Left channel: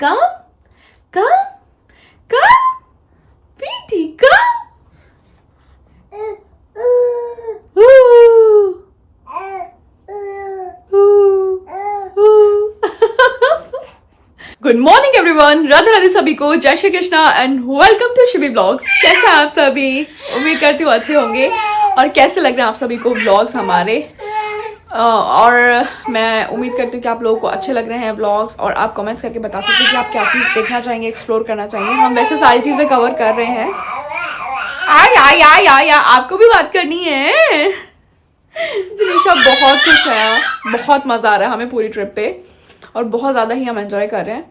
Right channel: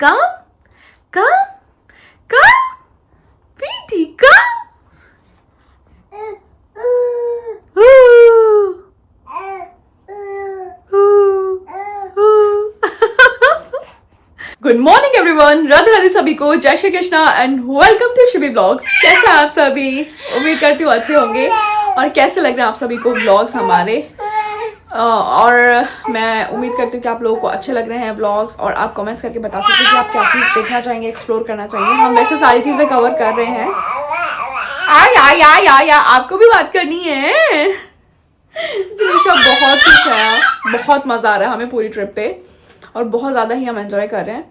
Come, come, come, Preeti, come. Ooh. Good morning everyone, Radhe Radhe सभी को, जय Shri Krishna and welcome to Shivi blogs. कैसे हैं आप सभी? उम्मीद करती हूँ अच्छे होंगे। और कैसे लग रहे हैं आप सभी को ब्लॉग्स हमारे? और मैं उम्मीद करती हूँ कि आप लोगों को अच्छे लग रहे हैं ब्लॉग्स, और आप कमेंट्स करके बता सकते हैं कि आप क्या चीज़ देखना चाहेंगे, एक्सप्लोर करना चाहेंगे। हम वैसे सारी चीज़ें कवर कर रहे हैं। या आपको भी बात करनी है। जिनिशा बहुत खुश है, बहुत मज़ा आ रहा है हमें पूरी ट्रिप पे, और बहुत ज़्यादा ही हम एंजॉय कर रहे हैं।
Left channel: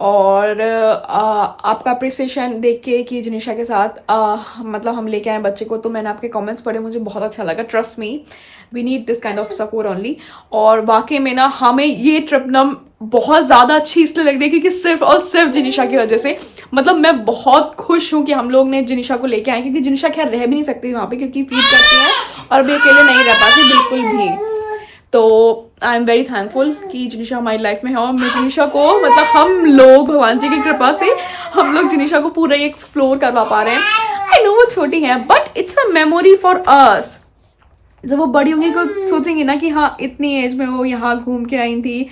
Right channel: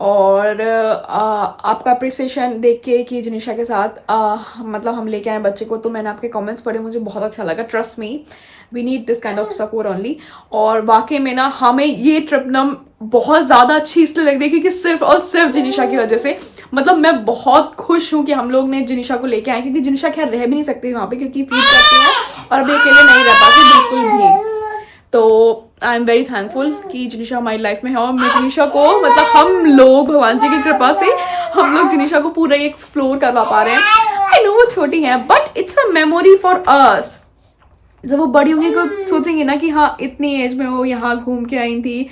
और आपका अप्रिसिएशन देख के कि जिनिशा के साथ मतलब हम लेके आए बच्चे को, तो मैंने आपके कमेंट्स पढ़े, मुझे बहुत अच्छा लगा। Trust me, we need this kind of support only. और वाकई में ना हमें ये ट्रिप ना बहुत ज़्यादा अच्छी इसलिए लग रही है क्योंकि सिर्फ और सिर्फ जिनिशा की वजह से। मतलब मैं बहुत खुश हूँ कि हम लोग ने जिनिशा को लेके आए, क्योंकि जिनिशा खैर रह भी नहीं सकती वहाँ पे क्योंकि फीड करती हैं और अभी अकेले नहीं रह पाती बिल्कुल भी। तो आई एम वेरी थैंकफुल कि जिनिशा हमारी लाइफ में है, और मैं जिनिशा को मतलब हम लोग भगवान जी की कृपा से हम लोग जिनिशा को पूरा एक्सप्लोर करवा पा रहे हैं। आई नो वो छोटी है but it's a memory for us. जब वो बड़ी होंगी तो सोचेंगे ना कि हाँ इतनी एज में वो यहाँ घूम के आई थी,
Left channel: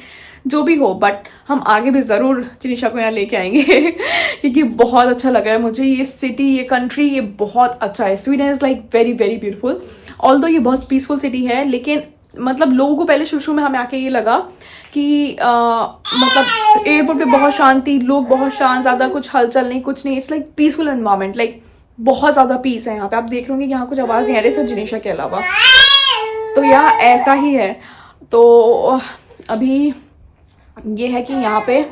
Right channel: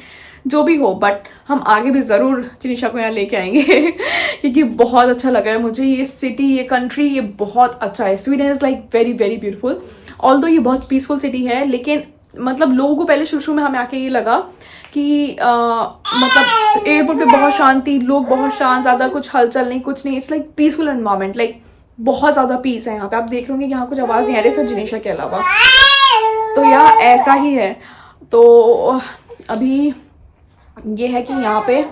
जो भी हो, बट हम आगे भी ज़रूर जिनिशा को यहाँ लेके आएंगे क्योंकि बहुत अच्छा लगा है मुझे ये सिटी, ये कंट्री, ये बहुत अच्छा है। Sweden is like very very beautiful. Although ये बहुत पीसफुल सिटी है, लेकिन मतलब लोगों को पहले शुरू में हमें आके ये लगा कि मतलब एयरपोर्ट पे बहुत शांति, लोग बहुत शांत, ज़्यादा कुछ हलचल नहीं, कुछ नहीं। It's like peaceful environment, like बहुत ज़्यादा पीस है यहाँ पे। आप देख रहे होंगे यहाँ कुछ आवाज़ नहीं आ रही सिर्फ जिनिशा के अलावा, तो यहाँ ऐसा ही है। तो अभी ये है कि यहाँ पे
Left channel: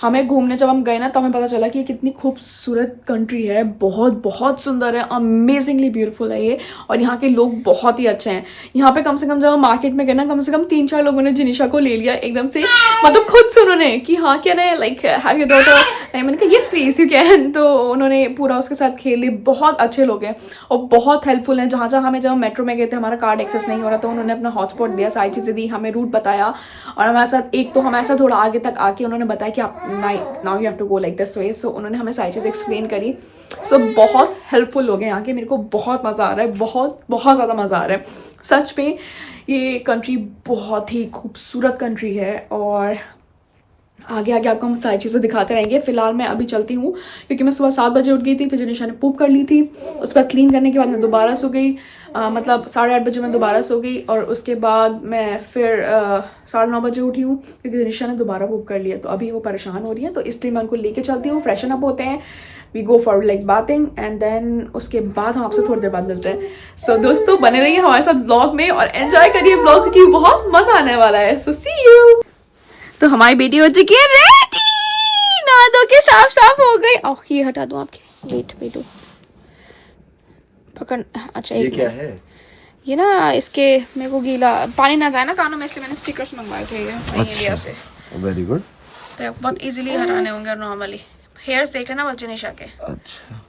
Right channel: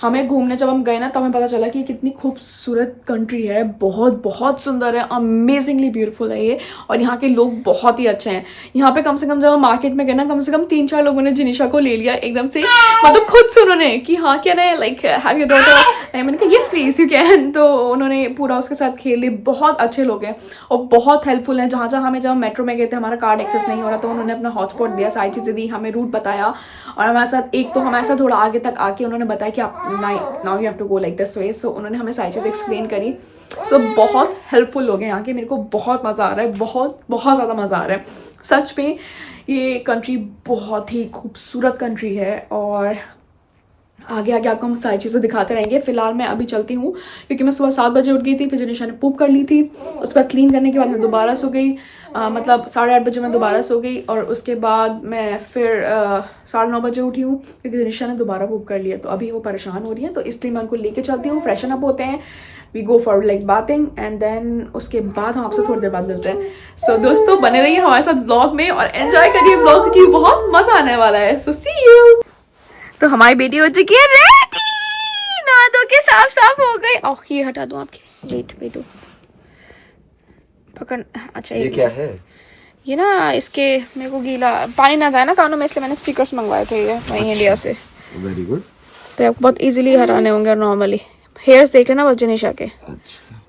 हमें घूमने जब हम गए ना, तब हमें पता चला कि ये कितनी खूबसूरत कंट्री है। बहुत बहुत सुंदर है, अमेजिंगली ब्यूटीफुल है ये, और यहाँ के लोग बहुत ही अच्छे हैं। यहाँ पे कम से कम जब हम मार्केट में गए ना, कम से कम 3-4 लोगों ने जिनिशा को ले लिया एकदम से, मतलब खुद से उन्होंने कि हाँ क्या रहे, लाइक हैव योर डॉटर। मैंने कहा यस प्लीज यू कैन, तो उन्होंने पूरा उसके साथ खेल ली। बहुत अच्छे लोग हैं और बहुत हेल्पफुल हैं। जहाँ जहाँ हमें, जब हम मेट्रो में गए थे, हमारा कार्ड एक्सेस नहीं हो रहा, तो उन्होंने अपना हॉटस्पॉट दिया, सारी चीज़ें दी, हमें रूट बताया, और हमारे साथ एक तो हमारे साथ थोड़ा आगे तक आके उन्होंने बताया कि आप now you have to go like this way. So उन्होंने हमें सारी चीज़ एक्सप्लेन करी। सो बहुत हेल्पफुल लोग हैं यहाँ के। मेरे को बहुत मज़ा आ रहा है, बहुत बहुत ज़्यादा मज़ा आ रहा है सच में। ये कंट्री बहुत ही खूबसूरत कंट्री है, और आगे आगे आपको हम सारी चीज़ें दिखाते रहेंगे। फिलहाल मैं अभी चलती हूँ क्योंकि मैं सुबह 7 बजे उठ गई थी, फिर जिनिशा ने पूप कर ली थी, उसके बाद क्लीन करने के बाद मैं दोबारा सो गई। मतलब 8:30 बजे मैं दोबारा सो गई, और उसके बाद मैं फिर 9:30 बजे उठी हूँ क्योंकि जिनिशा ने दोबारा पूप कर लिया। तो अभी वो परेशान हो रही है, तो इसलिए मैं उनको लेके चलती हूँ। फ्रेशन अप होते हैं, we go for like bathing, and then उसके बाद हम आपसे थोड़ी देर बाद मिलते हैं। सो दोस्तों बने रहिए हमारे साथ ब्लॉग में और एंजॉय करिए ब्लॉग की, बहुत मज़ा आने वाला है। सो सी यू। तो हमारी बेटी हो चुकी है रेडी, नहा धो के साफ साफ हो गई। ओह ये हटा दूं आपके, वेट वेटो पकड़। अच्छा ये क्या है? ये ना इसके मेरे को गीला पानी ना जाए ना कानों में, इसलिए मैंने स्टिकर्स मंगवाए थे ये वहीं इंडिया से। Very good. तो आप बहुत इजीली हटाने होंगे नॉर्मली। हेयर्स देख लेना बस जिनिशा के। अच्छा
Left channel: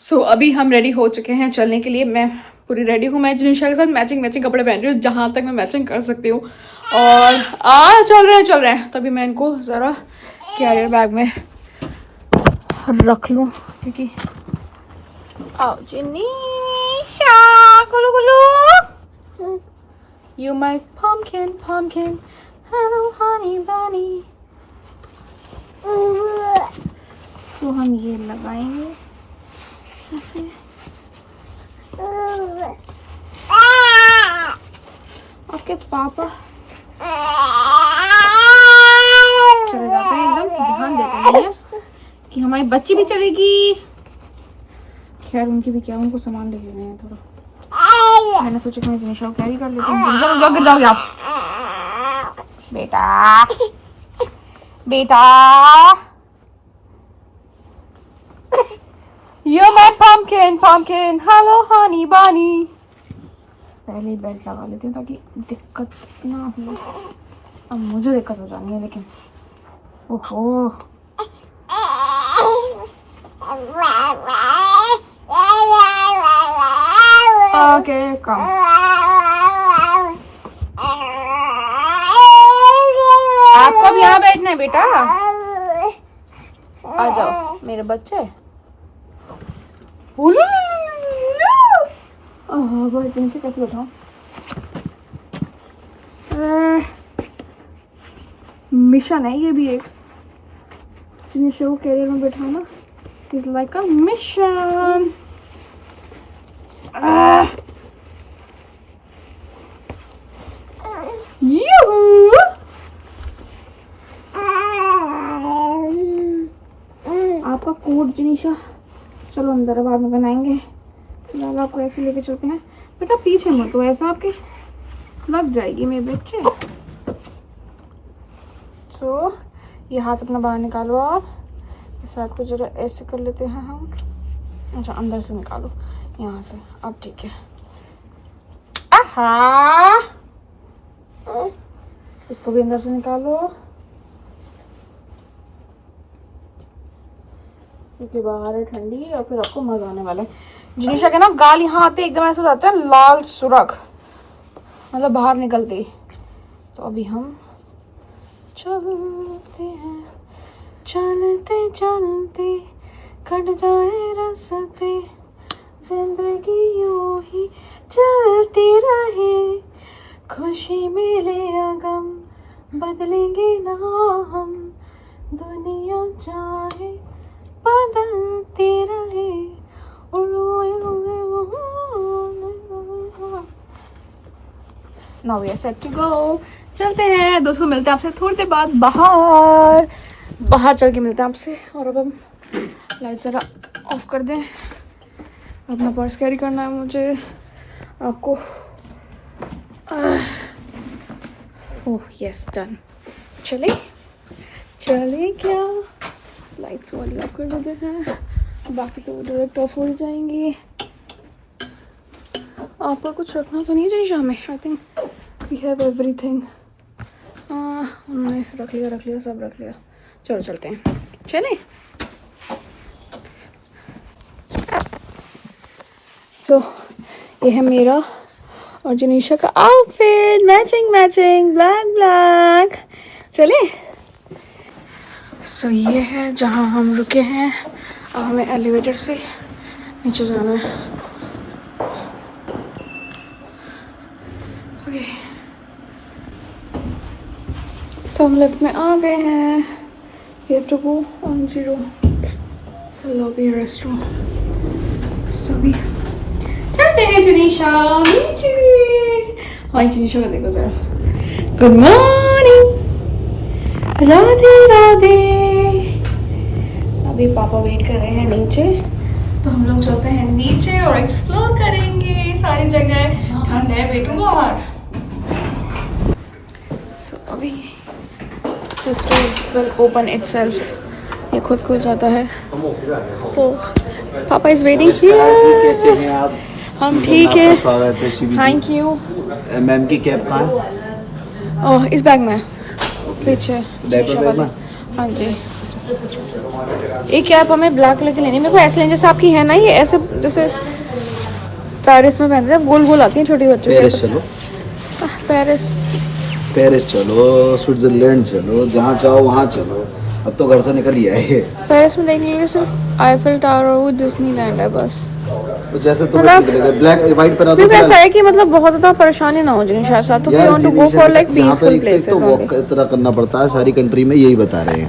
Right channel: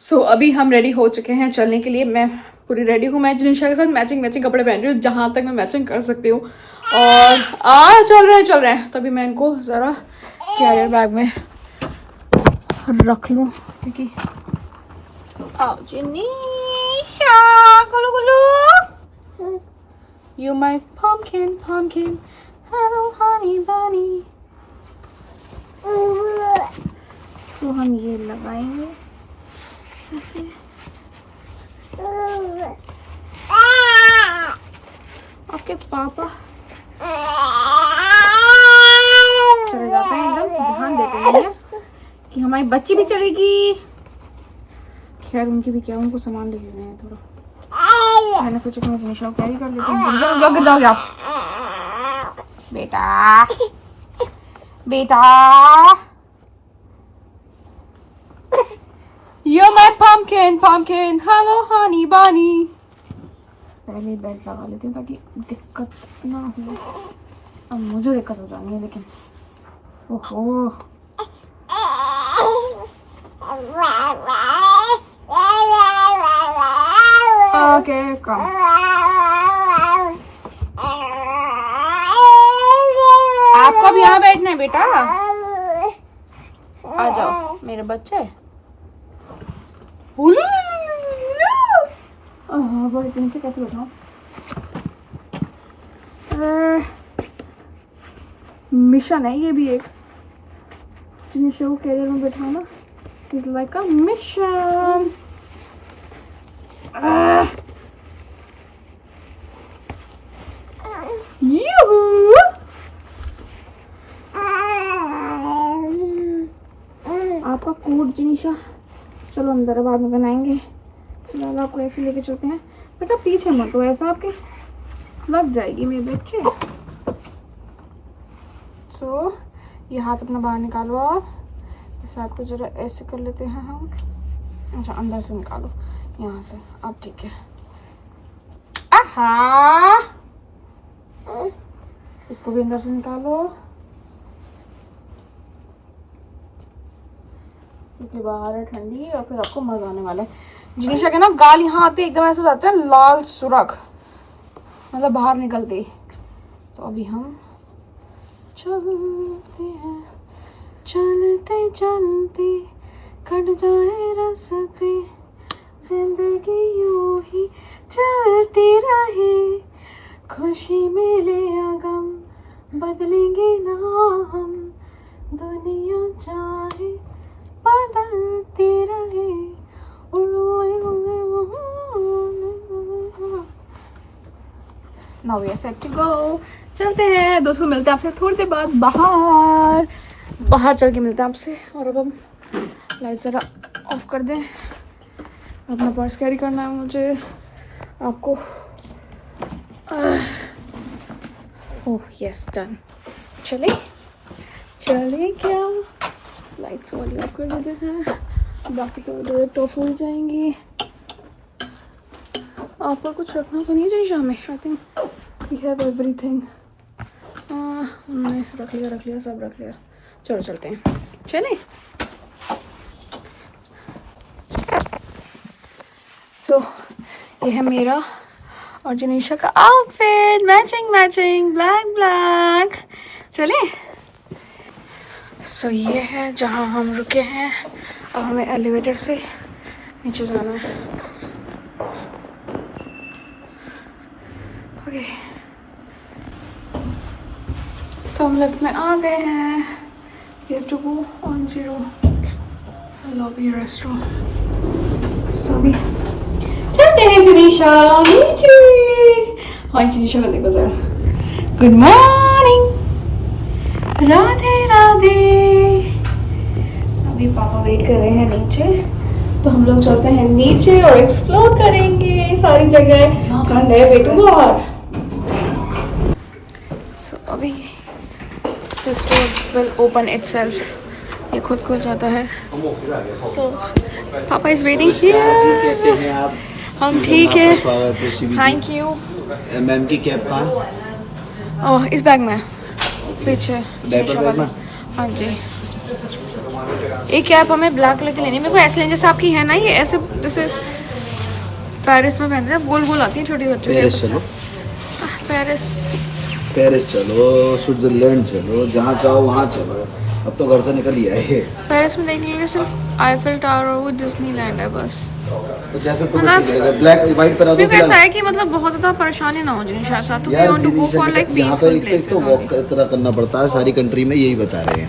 सो अभी हम रेडी हो चुके हैं चलने के लिए। मैं पूरी रेडी हूँ, मैं जिनिशा के साथ मैचिंग कपड़े पहन रही हूँ जहाँ तक मैं मैचिंग कर सकती हूँ। और चल रहे हैं। तभी मैं इनको ज़रा कैरियर बैग में रख लूँ क्योंकि आओ जिनिशा, गुलू गुलू, you my pumpkin, hello honey bunny। तो हम ये लगाएंगे ऐसे। आपके पापा चले जाते हैं, एकदम ध्यान देते हैं कि हमारी बच्ची भी चलेगी। खैर उनकी भी क्या, उनको सामान लेके गए हैं थोड़ा। मैंने सोचा कि मैं जिनिशा को कैरी कर लेती हूँ। गिर जाओगे आप बेटा, बेटा। You're my pumpkin, hello honey bunny। पहले बेल्ट लगा लेती हूँ ताकि दिक्कत ना हो। अब मुझे दिक्कत हो जानी है लेकिन, ओहो। ओके कम। आपको अब यहाँ बैठना है बेटा, आ जाओ मेरे बच्चे। नीचे कैसे बैठाऊं? मिशन है ये भी एक, जिनिशा को कैरियर में बैठाना इज लाइक अ मिशन। आपका कोट जिनिशा, चलो अंदर बाद में बनाएंगे। फिलहाल आपको ऐसे लेके चलते हैं। बेटा पीछे मत तो, ऐसा आपके लग जाएगी मेरे बच्चे। तो ये हाथ अपना बाहर निकालो आप, इस हाथ को जरा ऐसे कर लेते हैं हम। अच्छा अंदर से निकालो यहाँ से, अब ठीक है। आहा, इसको भी अंदर से निकालो क्योंकि बाहर है ठंडी और फिर आपको मजा आने वाला है। जिनिशा के ना गाल यहाँ आते एकदम ऐसे हो जाते हैं लाल सुरख, मतलब बाहर निकलते। तो अभी हम चलते हैं, चलते चलते कट जाए रास्ते, जिंदगी यूं ही चलती रहे, खुशी मिले या गम बदलेंगे ना हम, दुनिया चाहे बदलती रहे। Now we are set to go. चलते हैं दोस्तों, मिलते हैं आपसे थोड़ी देर बाद बाहर चल के मिलते हैं आपसे। और अब हम लाइट ज़रा ऑफ कर दें, अपना पर्स कैरी करना है मुझे, आपको। Oh yes done. चले क्या, लाइट्स वाली ऑफ कर देते हैं, बाकी तो डायरेक्ट ऑफ हो जाएंगी। आपको कुछ रखना तो नहीं चाहिए शाम में? I think we have everything. उन्होंने रख लिया सब रख लिया। चलो चलते हैं, चले। सो ये है मेरा और जिनिशा का आउटफिट, मैचिंग ब्लैक। चले। सो ये है जहाँ हम रुके हैं, अब हमें एलिवेटर से नीचे जाना है। ओके सो हम लिफ्ट में आ गए हैं। ये to go on 0 lobby restaurant. सभी चलते हैं जिनिशा नीचे। हाँ जिनिशा को देखो जरा। Good morning, Radhe. अभी पापा वेट कर रहे हैं नीचे, तो हम लोग चलते हैं नीचे और एक्सप्लोर करेंगे सारी जगह। ठंड है बेटू बाहर। सो अभी this door will open itself, ये खुद खुल जाता है। सो पापा इज वेटिंग हियर। कैसे हैं आप? हम ठीक है, स्वागत है Shivi ji. Thank you. Ma'am की कैप कहाँ है? ओह इस बैग में पीछे, डायपर बैग में। हाँ जी। एक कैप हमें ब्लैक कलर की लेनी है। मेरे को ऐसे लेनी जैसे आपकी है ना, ये ऐसे जैसे पेरिस में पहनते हैं, गोल आती है छोटी बच्चों। पेरिस चलो, पेरिस चलो, स्विट्जरलैंड चलो, जहाँ चाहो वहाँ चलो। अब तो घर से निकल ही आए। पेरिस में देखने के लिए सिर्फ आईफिल टावर और डिज्नीलैंड है बस। तो जैसे तुम्हें ठीक लगेगा, ब्लैक व्हाइट पर आ दो। ऐसा है कि मतलब बहुत ज्यादा परेशानी ना हो जाए शायद, तो we want to go for like peaceful places. तो वॉक इतना करना पड़ता है, सारी कंट्री में यही बता रहे हैं।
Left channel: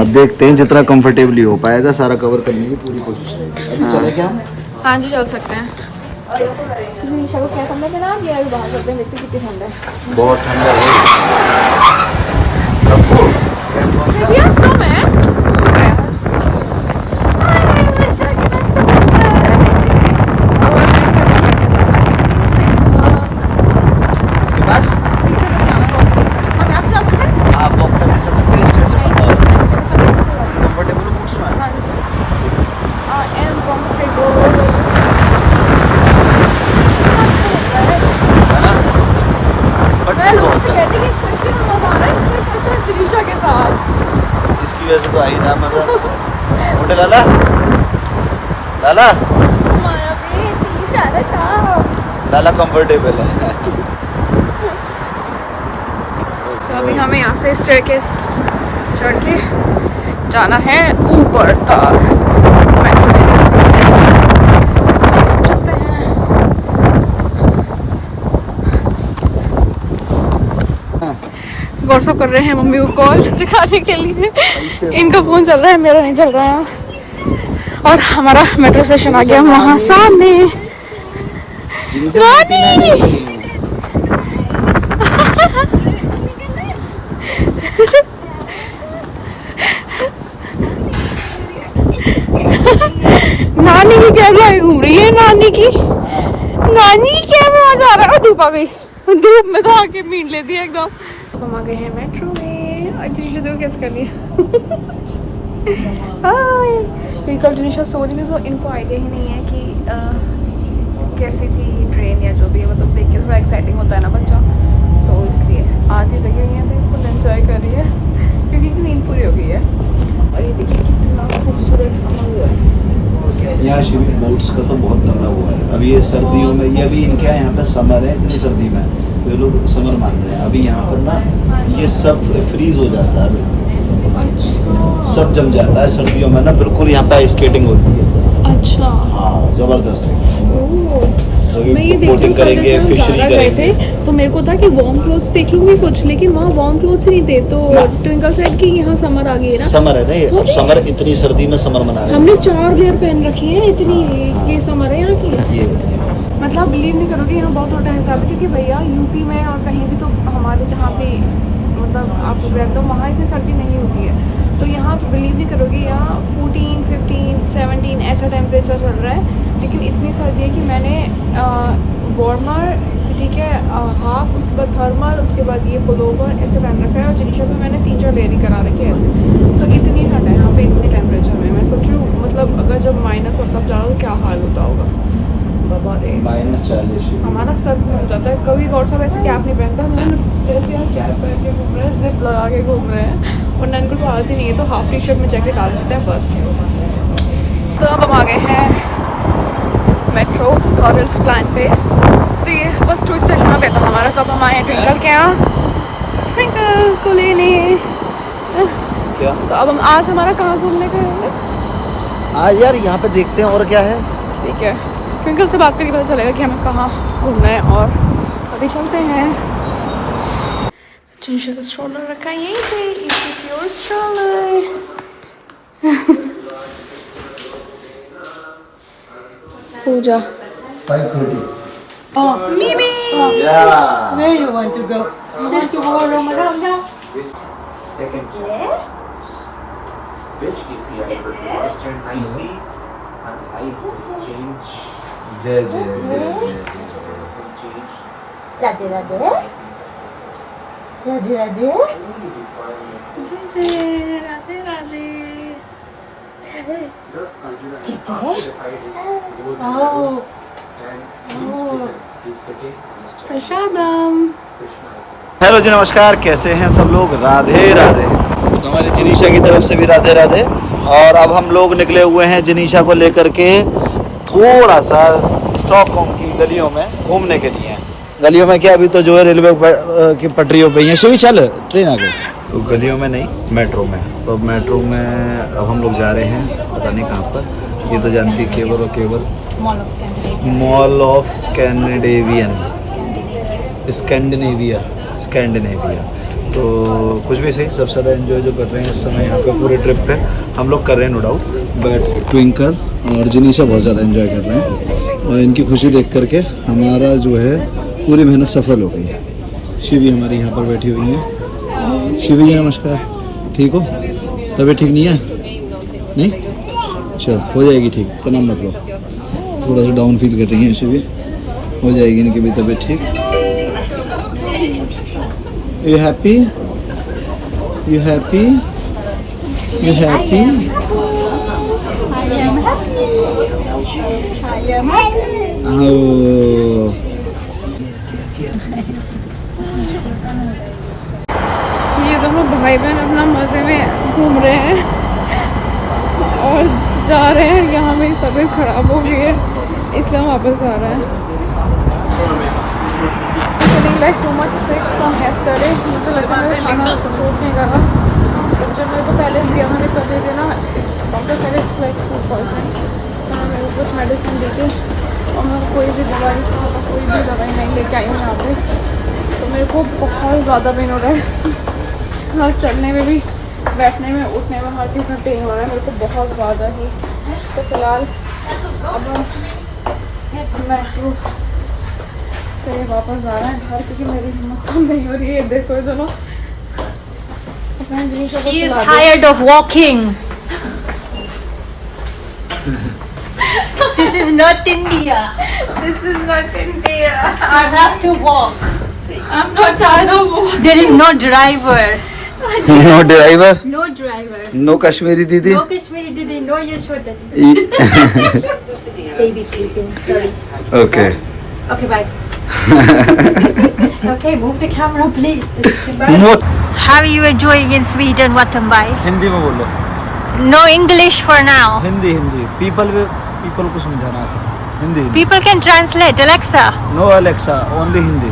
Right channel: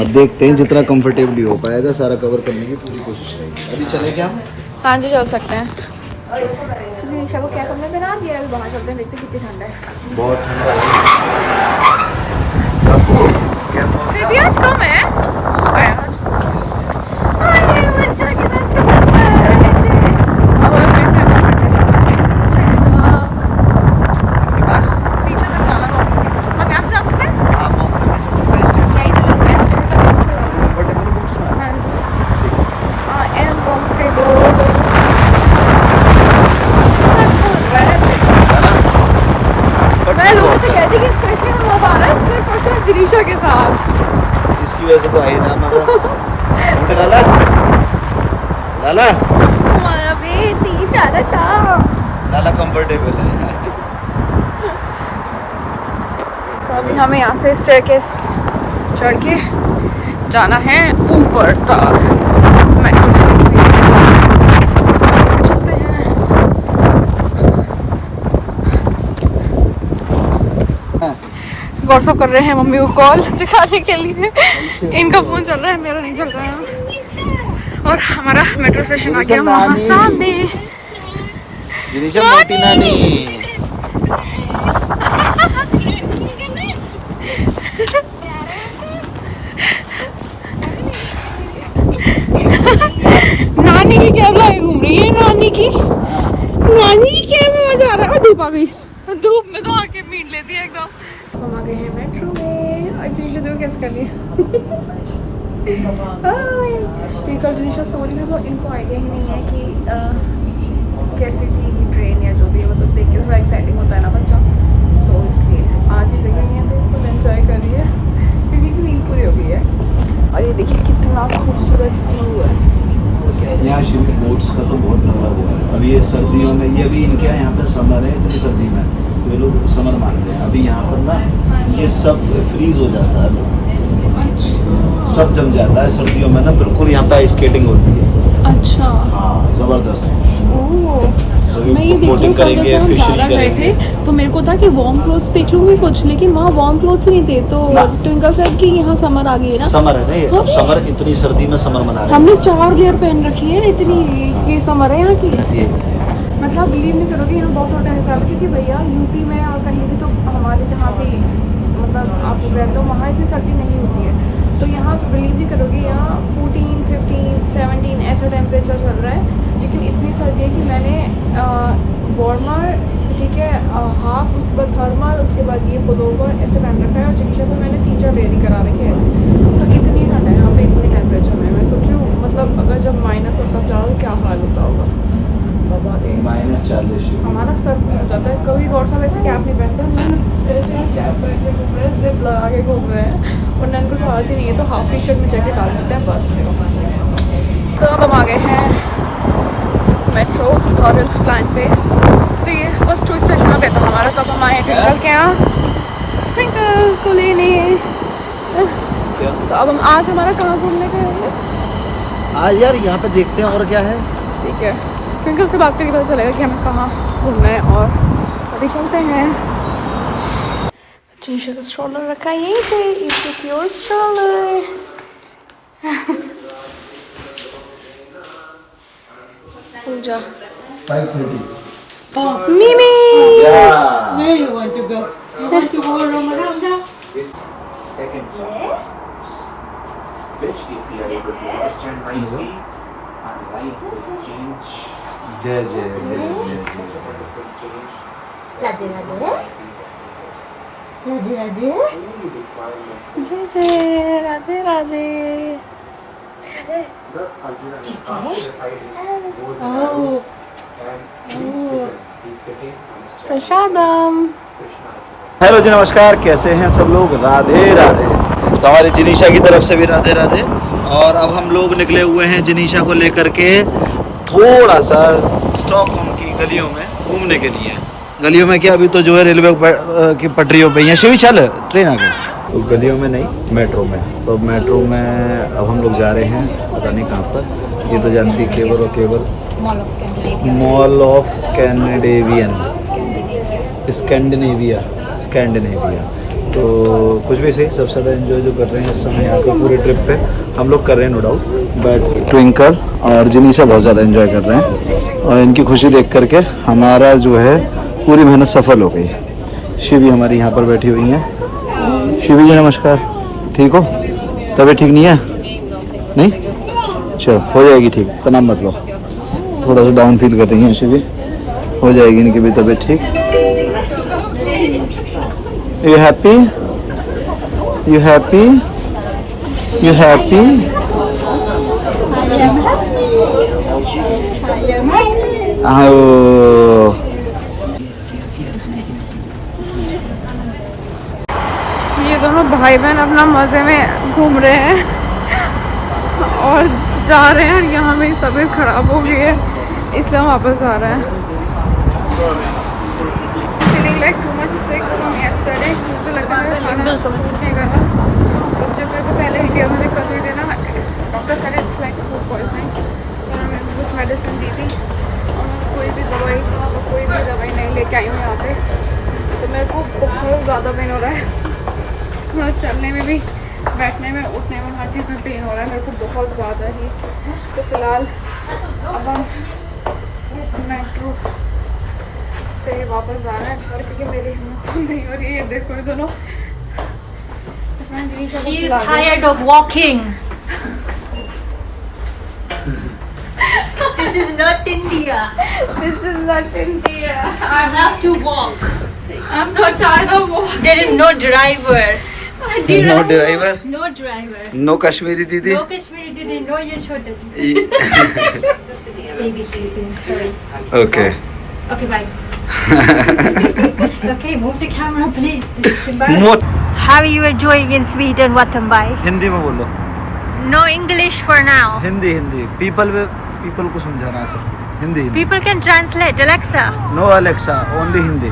अब देखते हैं जितना कंफर्टेबली हो पाएगा सारा कवर करने की पूरी कोशिश रहेगी। अभी चले क्या? हाँ जी चल सकते हैं। जिनिशा को क्या समझ में ना आ गया, अभी बाहर चलते हैं, देखते कितनी ठंड है। बहुत ठंडा है। भी आज कम है। पीछे तक जाना है, हम यहाँ से जा सकते हैं। आप वॉक करके चल सकते हैं, स्टेट से कंफर्टेबल बूट्स में। I am comfortable। मैं लोगों से कहती कि स्पेशली हम लोग आ रहे हैं सिर्फ और सिर्फ जिनिशा के साथ। इसकी वजह से तो आई ना मजा। लाला हमारा बेटी प्यारा शाह। लाला कंफर्टेबल है। तो अभी हमें यहाँ से स्टेयरकेस चढ़ के जाना है ऊपर तक मेट्रो लेने के लिए। चलते हैं। व्हाट्सअप कर रहे हैं मम्मी को कॉल दिखाने के लिए। इनका फोन चल रहा है, मेरा नहीं चल रहा। और हमारा मेट्रो स्टेशन आ गया वहाँ सामने। नानी की कैमरा घूम रही है, नानी की कैमरा जा रहा है। धूप आ गई, धूप में तो आके मीट लेती है एकदम। हम आ गए हैं मेट्रो में। जिनिशा देखो कैसे कर रही है। कल जिनिशा सो रही थी तो इनको आइडिया ही नहीं है कि कैसी थी ट्रेन या जो भी है, मतलब देख के थोड़ा एक्साइटिंग होता है ना बच्चा, तो इसलिए आधी जगह ये फुल एंजॉय कर रही है क्योंकि नींद पूरी हो गई है। और ये देखिए कितना खूबसूरत व्यू है। यहाँ शिमला बोट्स का तो बहुत लंबा हुआ है। अभी ये सर्दियों में, ये अभी इनके यहाँ पे समर है, इतनी सर्दी में ये लोग समर मानते हैं। अभी यहाँ पर ना ये सब फ्रीज हो जाता है, सब जम जाता है सर्दियों में ना, बिल्कुल यहाँ पे आइस स्केटिंग होती है। अच्छा, हाँ जबरदस्त। बोटिंग करेंगे, फिशरी करेंगे। तो मेरे को था कि वार्म क्लोथ्स देख लूंगी कुछ, लेकिन वहाँ वार्म क्लोथ्स नहीं थे। तो ट्विंकल साइड की यहाँ समर आ गई है ना। समर है ना ये, अब समर, इतनी सर्दी में समर मना रहे हैं। हमने 4 लेयर पहन रखी है, इतनी ये समर है यहाँ की। ये मतलब बिलीव नहीं करोगे, यहाँ बहुत छोटा हिसाब है क्योंकि भैया यूपी में और कहीं भी तो हमारे जहाँ पे मतलब आप लोग रहते हो वहाँ इतनी सर्दी नहीं होती है। तो यहाँ बिलीव नहीं करोगे, यहाँ 14, 15, 17 ऐसा टेम्परेचर चल रहा है। लेकिन इतनी सर्दी है कि मैंने वार्मर, ठीक है, हाफ, उसके बाद थर्मल, उसके बाद ये पुलोवर ऐसे पहन रखा है। और जिनिशा पे मैंने 3-4 लेयरिंग करा रखी है ऐसे। तो इतनी ठंड है यहाँ पे, इतने टेम्परेचर में। मैं सोचूँ मतलब अगर जब माइनस और तब जाओ तो क्या हाल होता होगा बाबा रे। -40 हमारा सर घूम जाता है। कभी गौर साहब ऐसे कैप नहीं पहनता, हम ऐसे यहाँ कैप पहन के घूम रहे हैं, जिप लगा के घूम रहे हैं। और नन को तो आदत ही नहीं है, तो हाफ टी शर्ट में जैकेट डाल देते हैं बस। तो अब हम आ गए हैं मेट्रो थॉरल्स प्लान पे। तो ये बस 2 स्टेशन हो गया था हमारा। तो अब हम आए हैं ट्विंकल के यहाँ, ट्विंकल को लेने। तो अब हम आज हमारा कहाँ घूमने का है? आज यार यहाँ पे देखते हैं और क्या है। ठीक है, ट्विंकल से बात करके पता चलेगा कि हमें कहाँ घूमना है। और अभी चलते हैं। जिनिशा का स्ट्रॉलर रखा है यहीं पे। It's your stroller. Pooja 5:30 Mimi! Where you want to go? You want to go Ramadan now? Second which if you are able to register nicely and life will change. जय जय जय जय Radhe Radhe. Radhe Radhe. जय जय Radhe Radhe. Thus, Arjuna has passed the side is goes Oh. and he's sitting on his chair. Prasadam. Krishna. Hello जी, नमस्कार, कैसे हैं सब लोग? राधे राधे। तो हमारी जिनिशा की तरफ से भी राधे राधे। और अब हम लोग निकले हुए हैं जिनिशा को लेकर के थोड़ा सा स्टॉकहोम की गलियों में घूमने के लिए। गलियों में क्या, अभी तो जो है रेलवे की पटरियों पे ही शिवी चल ट्रेन आ गई। तो गलियों में नहीं, मेट्रो में। तो मेट्रो में अब हम लोग जा रहे हैं, पता नहीं कहाँ पर। ये तो जानती है, केवल और केवल मॉल ऑफ स्कैंडिनेविया। तो कुछ भी सही, सबसे ज़्यादा एंजॉय जो कर रहे हैं इस समय यहाँ पे पूरे ट्रिप पे हम लोग कर रहे हैं, नो डाउट। बट ट्विंकल और जिनिशा बहुत ज़्यादा एंजॉय कर रहे हैं। और इनकी खुशी देख करके हमारा जो है पूरी मेहनत सफल हो गई। शिवी हमारी यहाँ पर बैठी हुई हैं। शिवी जी नमस्कार, ठीक हो? तबीयत ठीक नहीं है? नहीं, चलो हो जाएगी ठीक, तनाव मत लो। थोड़ा सा डाउन फील कर रही हैं शिवी, हो जाएगी इनकी भी तबीयत ठीक। You happy? You happy? You happy? Oh. ये दोनों भाई बहन अपना मजे में घूम रहे हैं और जा रहे हैं। यहाँ मेरी तबीयत खराब हो गई है, इसलिए हम वापस आ रहे हैं। Feeling like too much sick from yesterday. मुझे लगता है खाना सूट नहीं कर रहा। तो जब मेरे को पहले इंडिया में दिक्कत हुई थी ना, doctor said it's like food poisoning, तो उन्होंने मेरे को कुछ मेडिसिन दी थी और मैं कोई भी दवाई नहीं लेके आई हूँ यहाँ पे। तो मेरे को बहुत ज़्यादा पेन हो रहा है, मतलब चलने में भी, बैठने में, उठने में, हर चीज़ में पेन हो रहा है मेरे को बहुत ज़्यादा ही। तो फिलहाल अब हम मेट्रो से वापस जा रहे हैं घर, क्योंकि मेरी हिम्मत नहीं हो रही है। देखो ये दोनों She is tired of walking. This is not India. This is not India. I have to walk. I'm not tired of walking. There is no driver. No driver, No driver. No Kashmiri didi. No Kashmiri Didi. No Yashoda Didi. Baby sleeping. Sorry. Okay. Okay, bye. Okay, move the camera, please. How are you enjoying in Sweden, Wattenberg? Hindi में बोलो. No English for now. Hindi people को समझाना है सब. Hindi. People can translate. Alexa. No Alexa, only Hindi.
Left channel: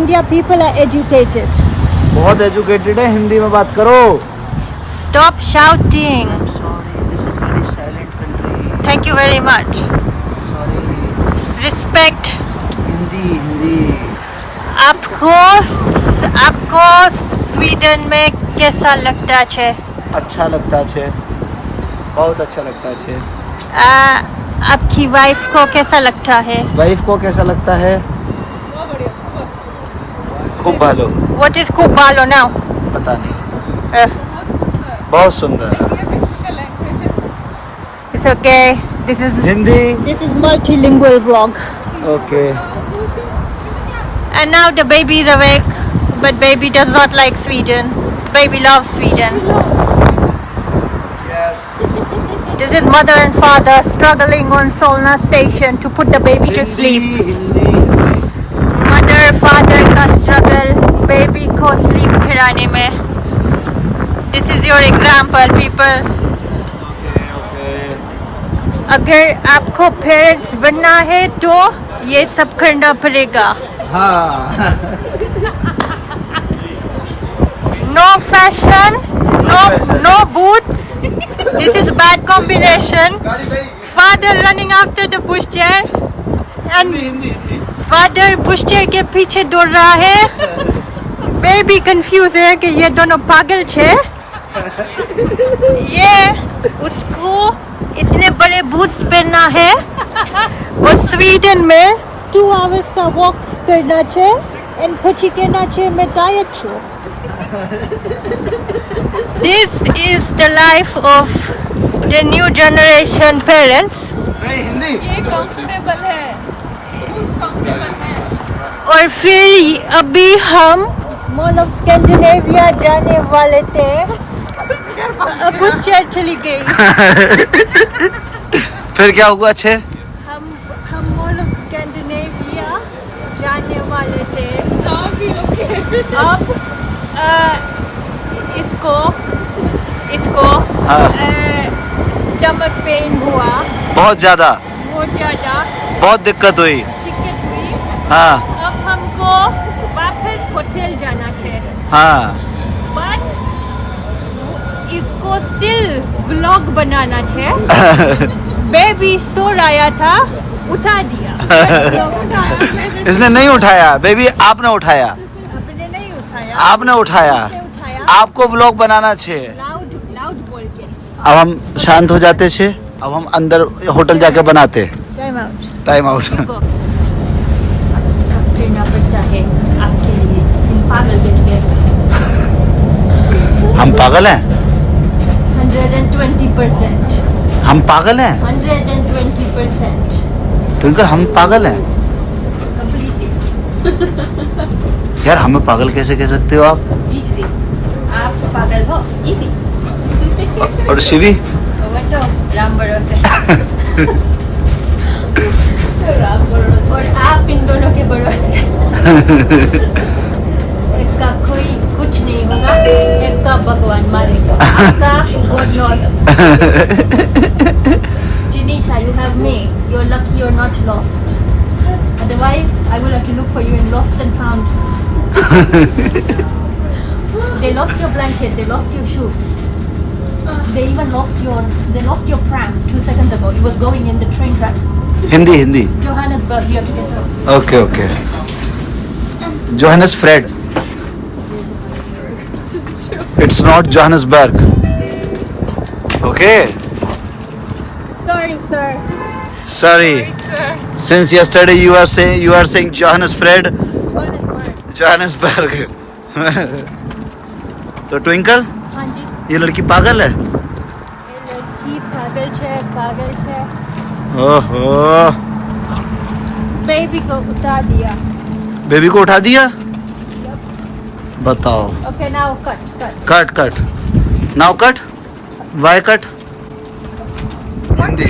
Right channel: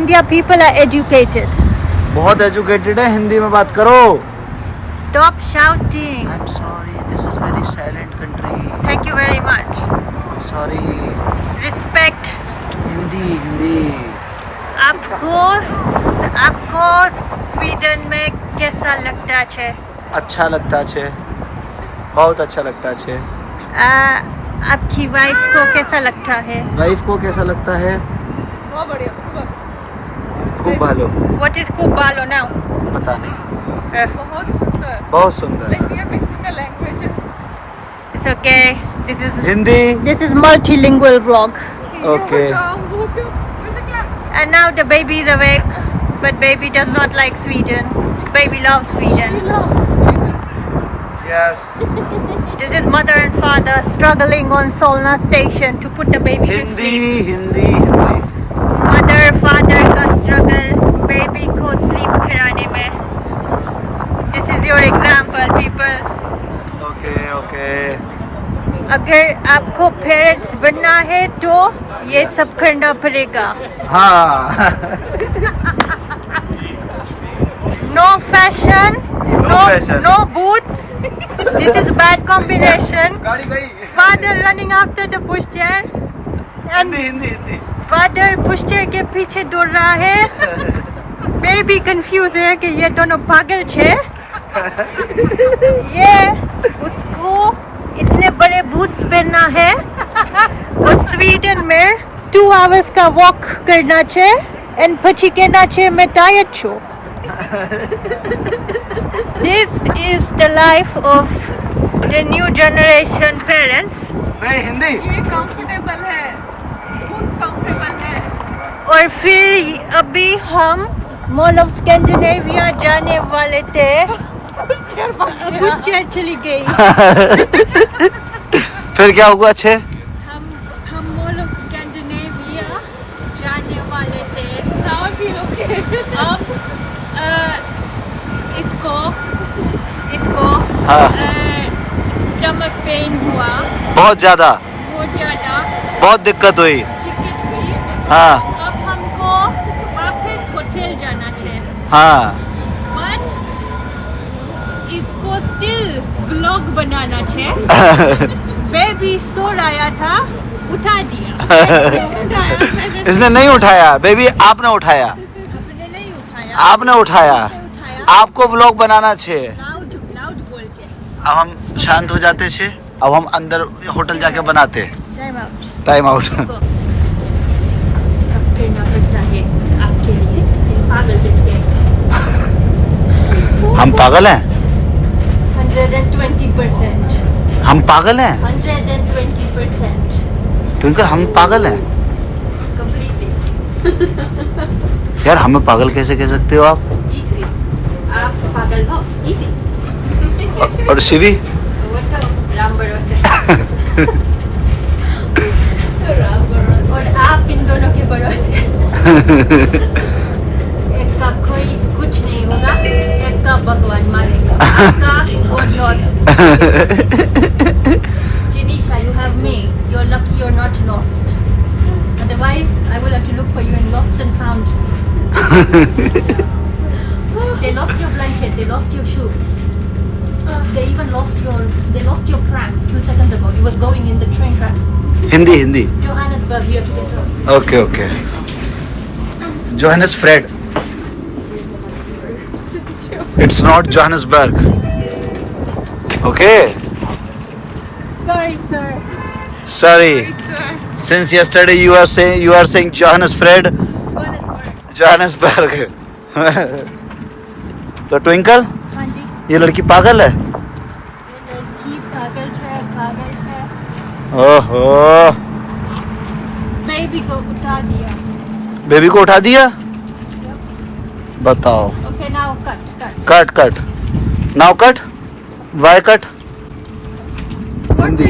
India people are educated. बहुत educated है, हिंदी में बात करो. Stop shouting. I'm sorry, this is very silent country. Thank you very much. Sorry. Respect. Hindi. आपको स्वीडन में कैसा लगता है? अच्छा लगता है, बहुत अच्छा लगता है. आपकी वाइफ को कैसा लगता है? वाइफ को कैसा लगता है? बहुत बढ़िया, खूब भालो. What is Kubalo now? पता नहीं. बहुत सुंदर. बहुत सुंदर. Like we are mixing the languages. It's okay. Hindi. This is multilingual vlog. Okay. And now the baby is awake, but baby does not like Sweden. Baby loves Sweden. Yes. This is mother and father struggling on Solna station to put the baby to sleep. Hindi. Mother father का struggle baby को sleep कराने में. This is your example, people. Okay. अगर आपको parents बनना है तो ये सब करना पड़ेगा. हाँ. No fashion, fashion. no boots. This is bad combination. गाड़ी गई. Father running after the pushchair and Hindi. father pushchair के पीछे दौड़ रहा है. Baby confused है कि ये दोनों पागल छे. ये उसको इतने बड़े बूट्स पहनना है. वो स्वीडन में 2 hours का वॉक करना चाहिए and પછી કેના છે मैं tired છું. This is the life of the new generation parents. नहीं हिंदी. ये कंफर्टेबल है, बूट्स कंफर्टेबल है. और फिर अभी हम मॉल ऑफ स्कैंडिनेविया जाने वाले थे. पुष्कर चली गई. फिर क्या हुआ? अच्छे. हम मॉल ऑफ स्कैंडिनेविया जाने वाले थे. अब इसको हाँ. स्टमक पेन हुआ बहुत ज्यादा. बहुत दिक्कत हुई. टिकट हुई. हाँ. अब हमको वापस होटल जाना चाहिए. हाँ. बट इसको स्टिल व्लॉग बनाना चाहिए. बेबी सो रहा था, उठा दिया. इसने नहीं उठाया बेबी, आपने उठाया. आपने नहीं उठाया. आपने उठाया. आपको व्लॉग बनाना चाहिए. लाउड बोल के. अब हम शांत हो जाते छे. अब हम अंदर होटल जाके बनाते. Time out. सब करना पड़ता है आपके लिए. इन पागल के. हम पागल हैं. 120%. हम पागल हैं. 120%. ट्विंकल हम पागल हैं. Completely. यार हमें पागल कैसे कह सकते हो आप? Easy. आप पागल हो. Easy. और शिवी? राम भरोसे. और आप इन दोनों के भरोसे. एक का कोई कुछ नहीं होगा, एक का भगवान मारेगा. का God knows. Janisha, you have me. You're lucky you're not lost. Otherwise, I will have to look for you in lost and found. They lost your blanket. They lost your shoe. They even lost your pram 2 seconds ago. It was going in the train track. Hindi Johannesburg, you have to get off. Okay Johannes Fred it's not Johannesburg okay Sorry, sir. Sorry since yesterday you are saying Johannes Fred Johannesburg. Johannesburg तो ट्विंकल हाँ जी. ये लड़की पागल है ये लड़की पागल है. ओहो Baby को उठा दिया. बेबी को उठा दिया बताओ Okay, now cut. Cut now cut why cut Hindi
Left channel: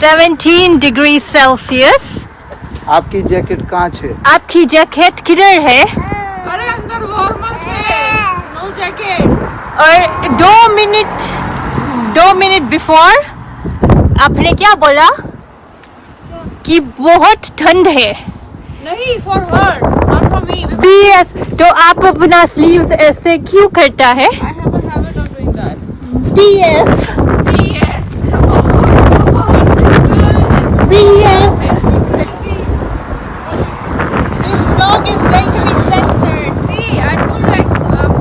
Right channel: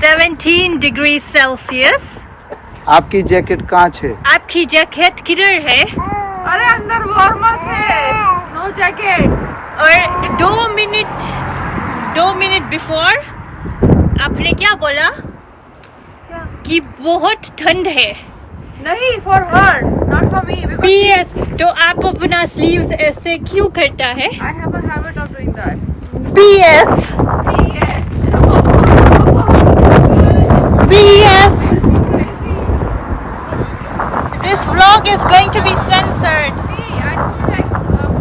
17 degrees Celsius. आपकी जैकेट कहाँ है आपकी जैकेट किधर है? अरे अंदर वार्मर है, नो जैकेट. और 2 मिनट बिफोर आपने क्या बोला कि बहुत ठंड है. नहीं, for her not for me. BS तो आप अपना स्लीव्स ऐसे क्यों करता है? I have a habit of doing that. BS This vlog is going to be censored. See, I told like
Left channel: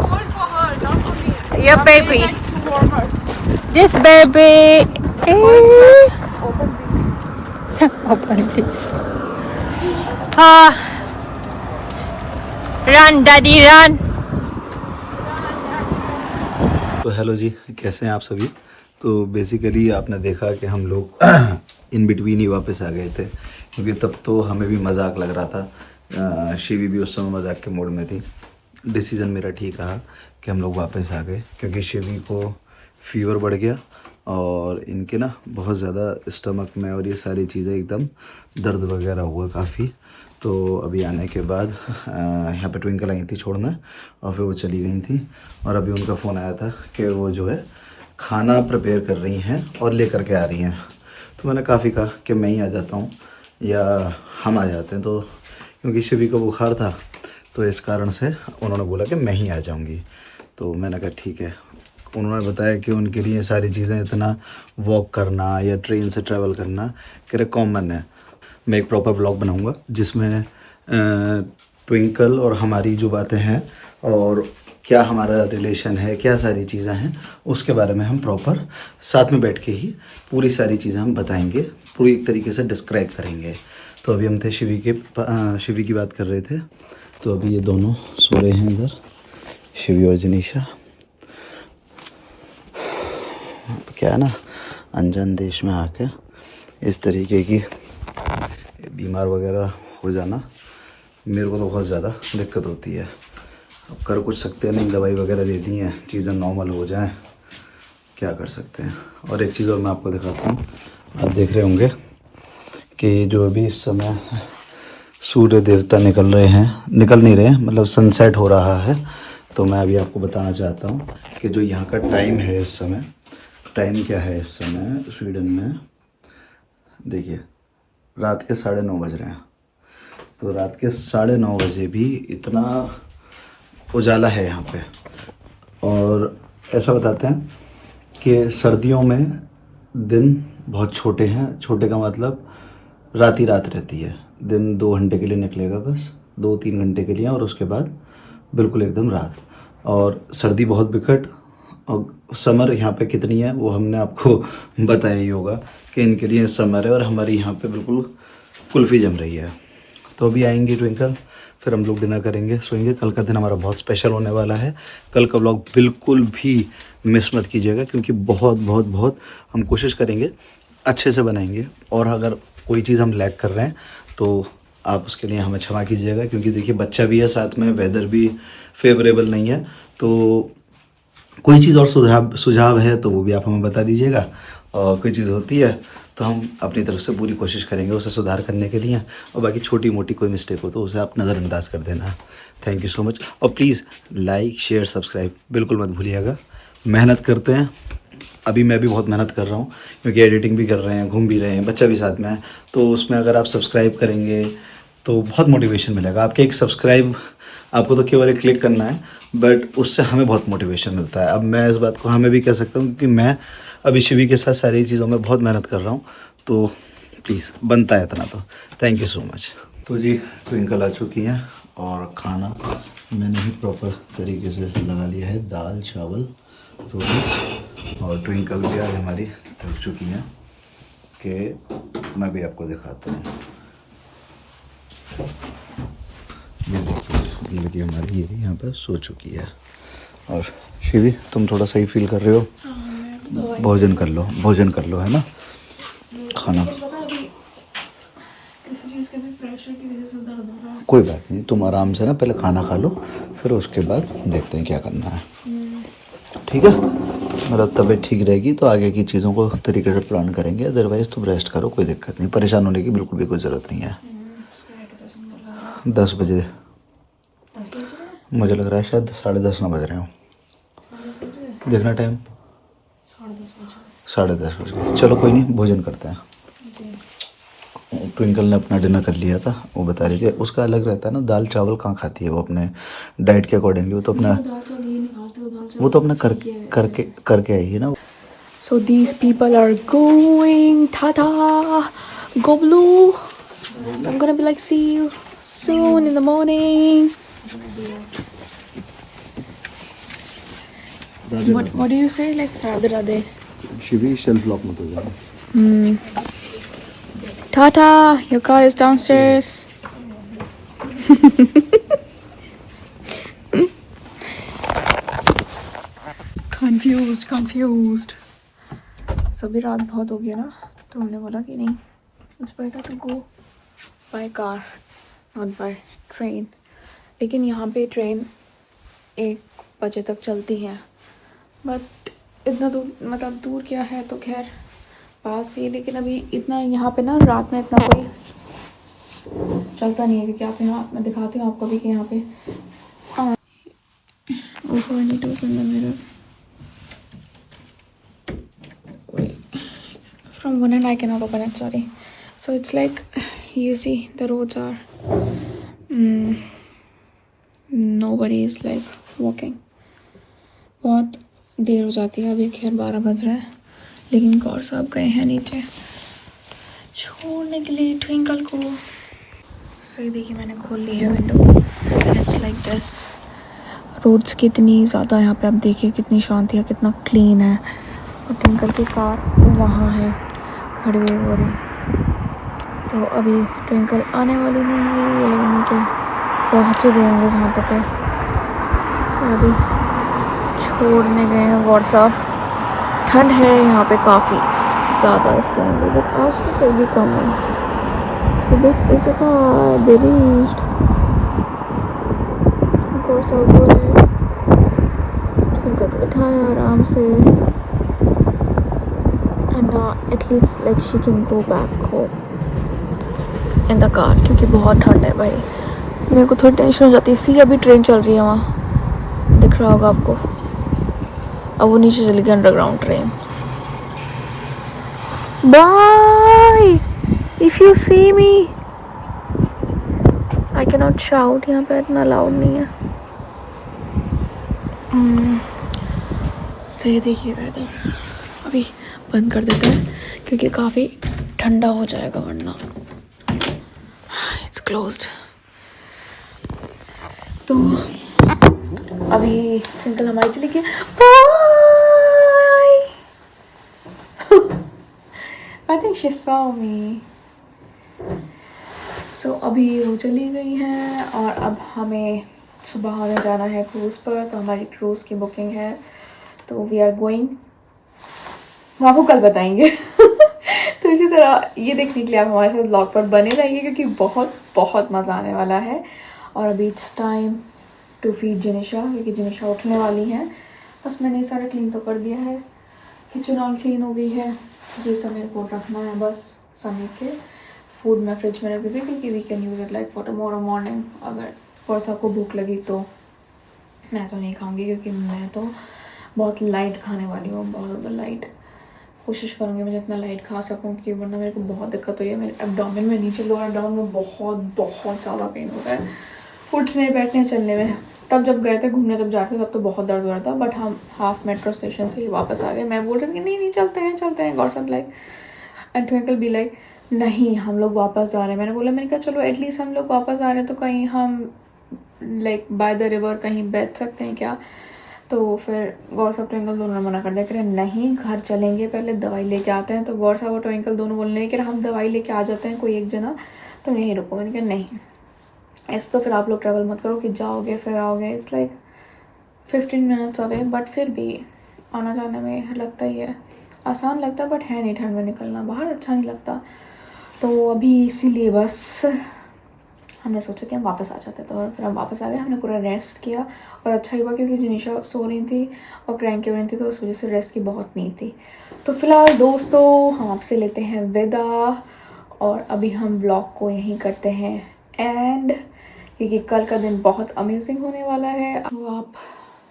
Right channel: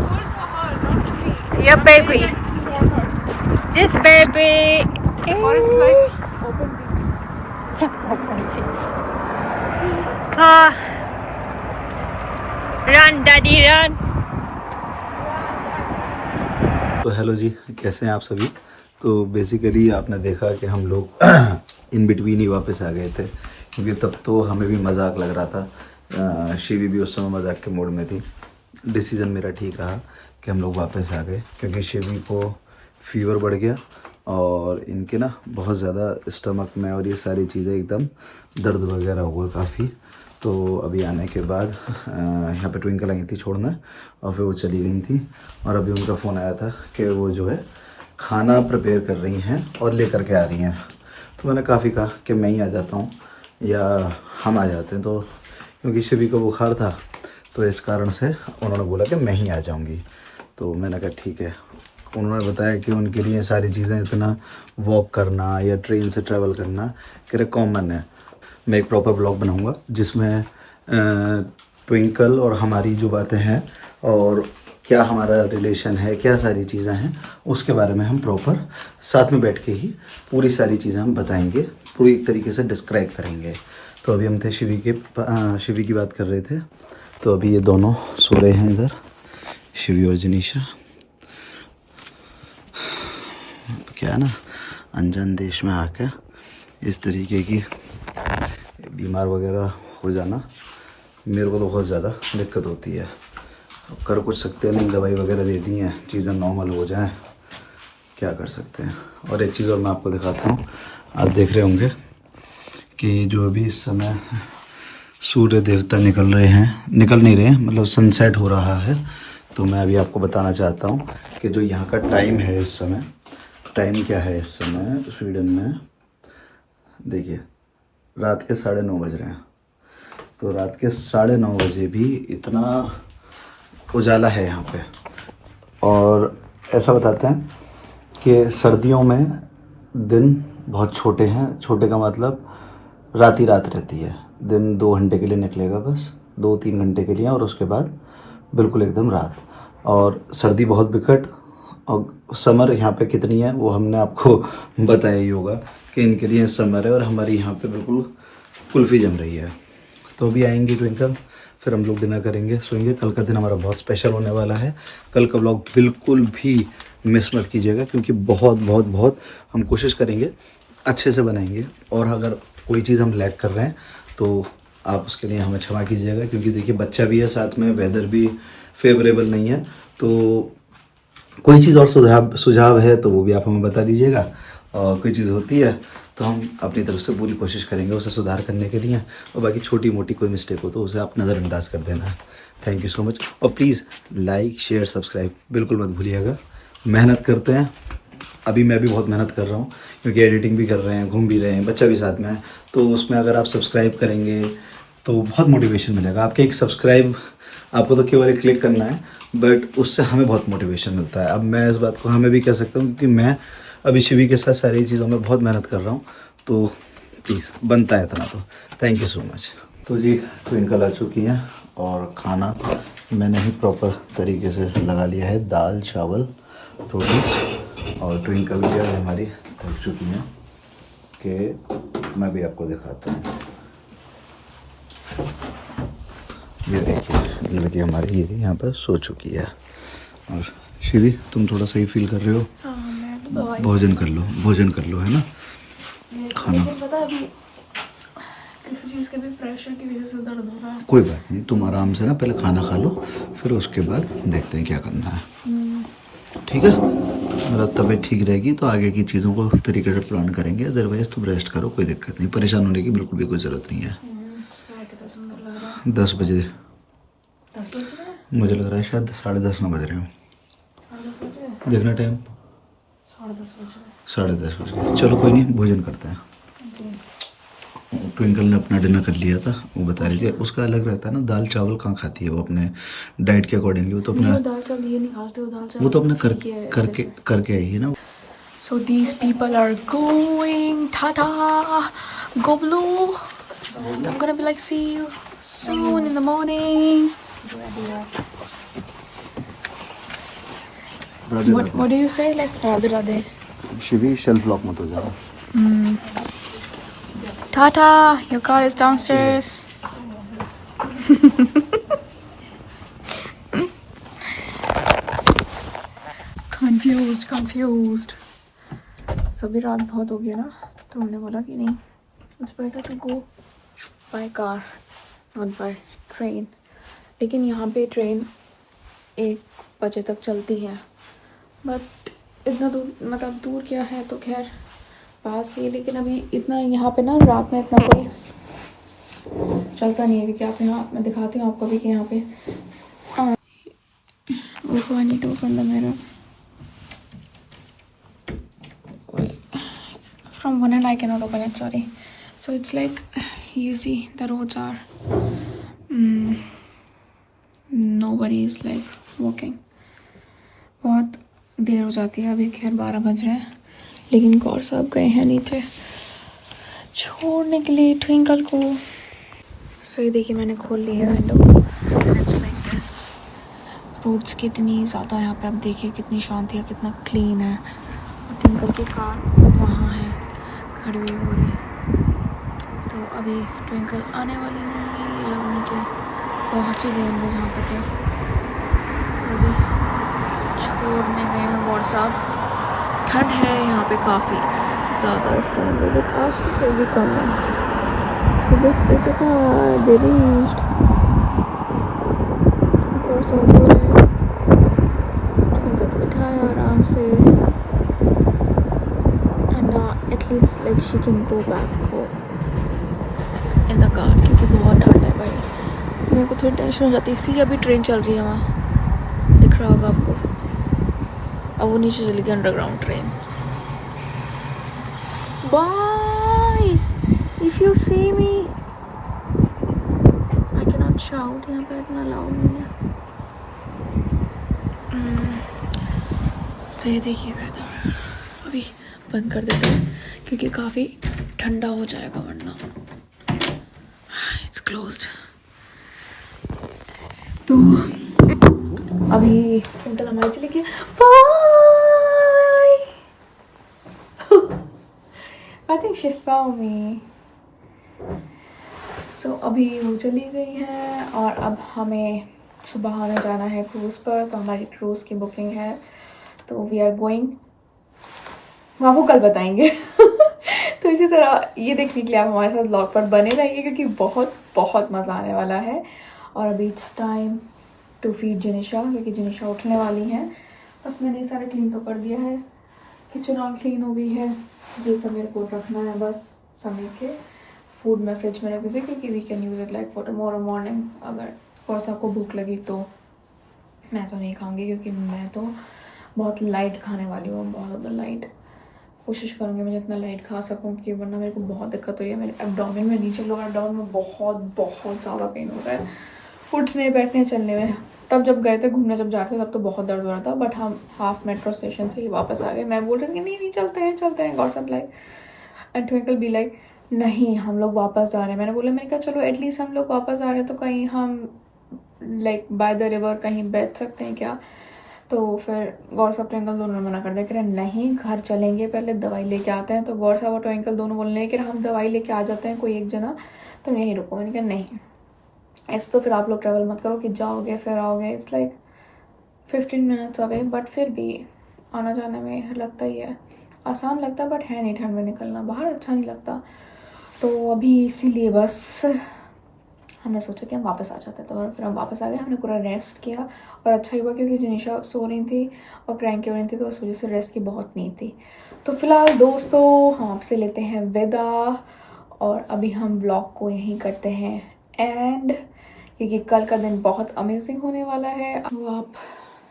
cold for her, not for me. Your baby. Warmers. This baby is Open please. Run, daddy, run. तो hello जी, कैसे हैं आप सभी। तो basically आपने देखा कि हम लोग इन बिटवीन ही वापस आ गए थे, क्योंकि तब तो हमें भी मजाक लग रहा था, शिवी भी उस समय मजाक के मूड में थी। डिसीज़न मेरा ठीक रहा कि हम लोग वापस आ गए, क्योंकि शिवी को फीवर बढ़ गया और इनके ना बहुत ज़्यादा स्टमक में और ये सारी चीज़ें एकदम दर्द वगैरह हुआ काफ़ी। तो अभी आने के बाद यहाँ पे ट्विंकल आई थी छोड़ना और फिर वो चली गई थी, और अभी उनका फ़ोन आया था कि वो जो है खाना प्रिपेयर कर रही हैं और लेकर के आ रही हैं। तो मैंने काफ़ी कहा कि मैं ही आ जाता हूँ या हम आ जाते हैं, तो क्योंकि शिवी को बुखार था तो इस कारण से उन्होंने बोला कि मैं ही आ जाऊँगी। तो मैंने कहा ठीक है। उन्होंने बताया कि उनके लिए सारी चीज़ें इतना वॉक करना या ट्रेन से ट्रैवल करना कि कॉमन है। मैं एक प्रॉपर व्लॉग बनाऊंगा जिसमें ट्विंकल और हमारी जो बातें हैं और क्या हमारा रिलेशन है, क्या सारी चीज़ें हैं, उसके बारे में हम प्रॉपर साथ में बैठ के ही पूरी सारी चीज़ें हम बताएंगे, पूरी तरीके से डिस्क्राइब करेंगे। तो अभी हम थे शिवी की बात कर रहे थे। तो अभी ये दोनों सो रहे हैं इधर, शिवी और जनीशा। क्या है ना, अनजान देश में आके इस तरीके की बीमार वगैरह हो जाना मेरे को तो बहुत ज़्यादा दिक्कत होती है। अब कर कुछ सकते नहीं, दवाई वगैरह दे दी हैं, चीज़ें नॉर्मल हो जाएं, क्या कर सकते हैं। और एक चीज़ और मैं आपको दिखाता हूँ, आप देख रहे होंगे कि जो अभी इस समय सूर्य देवता निकल नहीं रहे, मतलब सनसेट हो रहा है। तो मैं अभी आपको बताना चाहता हूँ कि जो यहाँ का टाइम है इस समय, टाइम क्या है इस समय स्वीडन में, देखिए रात के 9:30 बज रहे हैं। तो रात के 9:30 बजे भी इतना उजाला है यहाँ पे। और ऐसा बताते हैं कि सर्दियों में दिन बहुत छोटे हैं, छोटे का मतलब रात ही रात रहती है, दिन 2 घंटे के लिए निकलेगा, बस 2-3 घंटे के लिए, और उसके बाद बिल्कुल एकदम रात। और सर्दी बहुत विकट, और समर यहाँ पे कितनी है वो हमने आपको बताया ही होगा कि इनके लिए समर है, और हमारी यहाँ पे बिल्कुल कुल्फ़ी जम रही है। तो अभी आएंगे ट्विंकल, फिर हम लोग डिनर करेंगे, सोएंगे। कल का दिन हमारा बहुत स्पेशल होने वाला है। कल का व्लॉग बिल्कुल भी मिस मत कीजिएगा, क्योंकि बहुत हम कोशिश करेंगे अच्छे से बनाएंगे। और अगर कोई चीज़ हम लैग कर रहे हैं तो आप उसके लिए हमें क्षमा कीजिएगा, क्योंकि देखिए बच्चा भी है साथ में, वेदर भी फेवरेबल नहीं है। तो कोई चीज़ और सुझाव है तो वो भी आप हमें बता दीजिएगा, और कोई चीज़ होती है तो हम अपनी तरफ से पूरी कोशिश करेंगे उसे सुधार करने के लिए। और बाकी छोटी मोटी कोई मिस्टेक हो तो उसे आप नज़रअंदाज कर देना। Thank you so much. और प्लीज़ लाइक शेयर सब्सक्राइब बिल्कुल मत भूलिएगा। मेहनत करते हैं, अभी मैं भी बहुत मेहनत कर रहा हूँ, क्योंकि एडिटिंग भी कर रहे हैं, घूम भी रहे हैं, बच्चा भी साथ में है। तो उसमें अगर आप सब्सक्राइब करेंगे तो बहुत मोटिवेशन मिलेगा। आपके एक सब्सक्राइब आपको तो केवल एक क्लिक करना है, बट उससे हमें बहुत मोटिवेशन मिलता है। अब मैं इस बात को हमें भी कह सकता हूँ, क्योंकि मैं अभी शिवी के साथ सारी चीज़ों में बहुत मेहनत कर रहा हूँ, तो प्लीज़ बनता है इतना, तो थैंक यू सो मच। तो जी ट्विंकल आ चुकी हैं और खाना मैंने ही प्रॉपर तरीके से लगा लिया है, दाल चावल रोटी, और ट्विंकल भी आज हमारी थक चुकी हैं कि मैं भी आपको दिखाता हूँ। ये देखिए लड़की हमारी ये यहाँ पर सो चुकी है। और शिवी तुम थोड़ा सही फील कर रहे हो? भोजन कर लो है ना, खाना। पता अभी किसी चीज़ के भी प्रेशर की वजह से दर्द हो रहा है। कोई बात नहीं, तुम आराम से ना पहले खाना खा लो, फिर उसके बाद देखते हैं क्या करना है, ठीक है? मतलब तबीयत ठीक रहेगी तो आगे की चीज़ों को तरीके से प्लान करेंगे, अदरवाइज़ तुम रेस्ट करो, कोई दिक्कत नहीं, परेशान होने की बिल्कुल भी कोई ज़रूरत नहीं है। 10 बजे मुझे लग रहा है, शायद 10:30 ना बज रहे हो। देखना टाइम 10:30 बज गए। चलो कोई नहीं, भोजन करते हैं। ट्विंकल ने अपना डिनर कर लिया था, वो बता रही थी उसका अलग रहता है ना, दाल चावल कहाँ खाती है वो अपने डाइट के अकॉर्डिंगली, वो तो अपना दाल चावल ये नहीं खाते, वो तो अपना करके आई है ना। So these people are going, Tata, go blue. I'm gonna be like, see you soon in the morning. What do you say? Like Radhe Radhe. Shivi shelf lock मत हो जाओ। Tata, your car is downstairs. Confused. So अभी रात बहुत हो गया ना, तो हमने बोला कि नहीं, it's better to go by car, not by train. लेकिन यहाँ पे ट्रेन 1 बजे तक चलती है, बट इतना दूर, मतलब दूर क्या है, तो खैर पास ही, लेकिन अभी इतना यहाँ पे ना रात में इतना कोई चलता नहीं है, क्योंकि आप यहाँ, मैं दिखाती हूँ आपको भी कि यहाँ पे Oh, I need to open the mirror. Wait. From one end I cannot open it, sorry. So it's like, you see the roads are nobody is like walking. बहुत देर हो जाती है, अभी खैर 12 बज रहे हैं, लेकिन गौर साहब गए हैं नीचे छोड़ने के लिए ट्विंकल को। सो ये देखिए मैंने खोल ली है window, it's like this. Roads कितनी ज़्यादा यहाँ पे, आप देखिए कितनी शांति है, कितना क्लीन है। और ट्विंकल की कार वहाँ है खड़ी हुई हो रही, तो अभी ट्विंकल आने वाली होंगी, ये लोग नीचे पहुँच ही गए होंगे जहाँ तक है, अभी छोड़ने गए हैं गौर साहब। ठंड है यहाँ पे काफ़ी ज़्यादा इस टाइम पे, बट आज तो फिर भी कम है। So this is the car, they reached. गौर साहब बोल रहे हैं, ट्विंकल को बिठाया आराम से, and at least like she can go back home in the car, क्योंकि बहुत ठंड है भाई। मेरे को थोड़ी टेंशन हो जाती है। सी अभी ट्रेन चल रही है वहाँ, दिख रहा होगा आपको, अब वो नीचे चली गई underground train. Bye, if you see me, I can not shout, यहाँ पे इतना लाउड नहीं है। तो ये देखिए वेदर, अभी बंद कर देते हैं क्योंकि काफ़ी ठंडा हो जाएगा वरना। It's closed. तो अभी ट्विंकल हमारी चली गई, bye. I think she saw me. So अभी वो चली गई है और अब हमें सुबह हमें जाना है क्रूज़ पर, तो हमारी क्रूज़ की बुकिंग है, तो वी आर गोइंग, हम आपको कल बताएंगे। तो इसी तरह ये देखने के लिए आप हमारे साथ ब्लॉग पर बने रहिए, क्योंकि बहुत बहुत मज़ा आने वाला है। और अभी इट्स टाइम टू फीड जिनिशा, क्योंकि जिनिशा उठने वाली हैं। बस मैंने सारा क्लीन तो कर दिया है, किचन ऑल क्लीन हो गई है, ये सब मेरे को रखना है बस समय के। फूड मैं फ्रिज में रख देती हूँ क्योंकि we can use it like for tomorrow morning. अगर कोर्स आपको भूख लगी तो, मैं तो नहीं खाऊंगी क्योंकि मैं तो बहुत लाइट खाने वाली हूँ, बहुत ज़्यादा लाइट। कोशिश करूँगी मैं जितना लाइट खा सकूँ, क्योंकि वरना मेरे को बहुत दिक्कत हो रही है। मेरे एब्डोमेन में, नीचे लोअर एब्डोमेन में बहुत बहुत ज़्यादा पेन होता है, उठने बैठने चलने में। तब जब गए थे घूमने, जब जाते थे तब तो बहुत दर्द हो रहा था, बट हम हाफ मेट्रो स्टेशन से ही वापस आ गए। मैं बोल रही थी कि नहीं नहीं चलते हैं Gaurav like and Twinkle be like नहीं हम लोग वापस जा रहे हैं। मैंने कहा चलो एटलीस्ट हम लोग वापस आ रहे हैं तो कहीं हम लाइक बाय द रिवर कहीं बैठ सकते हैं क्या। तो फिर गौर साहब ट्विंकल दोनों ने मना कर दिया, कह रहे नहीं घर चलेंगे पहले दवाई लेके आते हैं। तो गौर साहब और ट्विंकल दोनों बोलने लगे कि हम दवाई लेके आ जाते हैं कोई एक जना, तुम यहीं रुको। मैंने कहा नहीं ऐसे तो फिर आप लोग ट्रैवल मत करो कि जाओगे फिर आओगे, it's like 15 minutes away, but फिर भी आना जाने में लगता ही है, आसान लगता है बट है नहीं, ठंड में निकलना बाहर अच्छा नहीं लगता। तो अभी इसीलिए बस हमने सोचा कि हम वापस आ जाते, तो फिर हम वापस आ गए। हमने पूरा रेस्ट किया और अच्छा ही हुआ क्योंकि जिनिशा सो रही थी और क्रैंक हो रही थी, तो उस वजह से रेस्ट की बहुत नीड थी। तो फिलहाल दोस्तों हम आपसे लेते हैं विदा और अभी हम ब्लॉग को यहीं करते हैं एंड, क्योंकि कल का दिन बहुत अमेजिंग होने वाला है। तो आप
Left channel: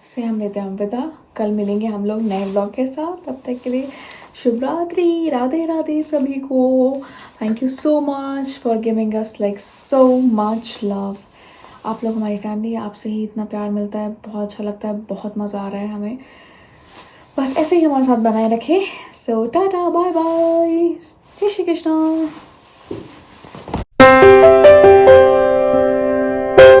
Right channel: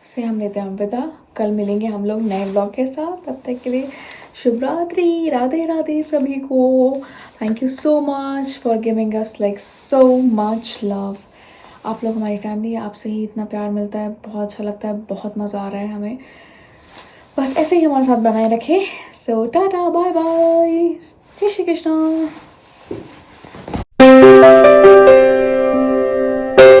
से हम लेते हैं विदा, कल मिलेंगे हम लोग नए ब्लॉग के साथ। तब तक के लिए शुभ रात्रि, राधे राधे सभी को। Thank you so much for giving us like so much love. आप लोग हमारी फैमिली, आपसे ही इतना प्यार मिलता है, बहुत अच्छा लगता है, बहुत मज़ा आ रहा है हमें। बस ऐसे ही हमारे साथ बनाए रखें। सो टाटा बाय बाय, जय श्री कृष्णा।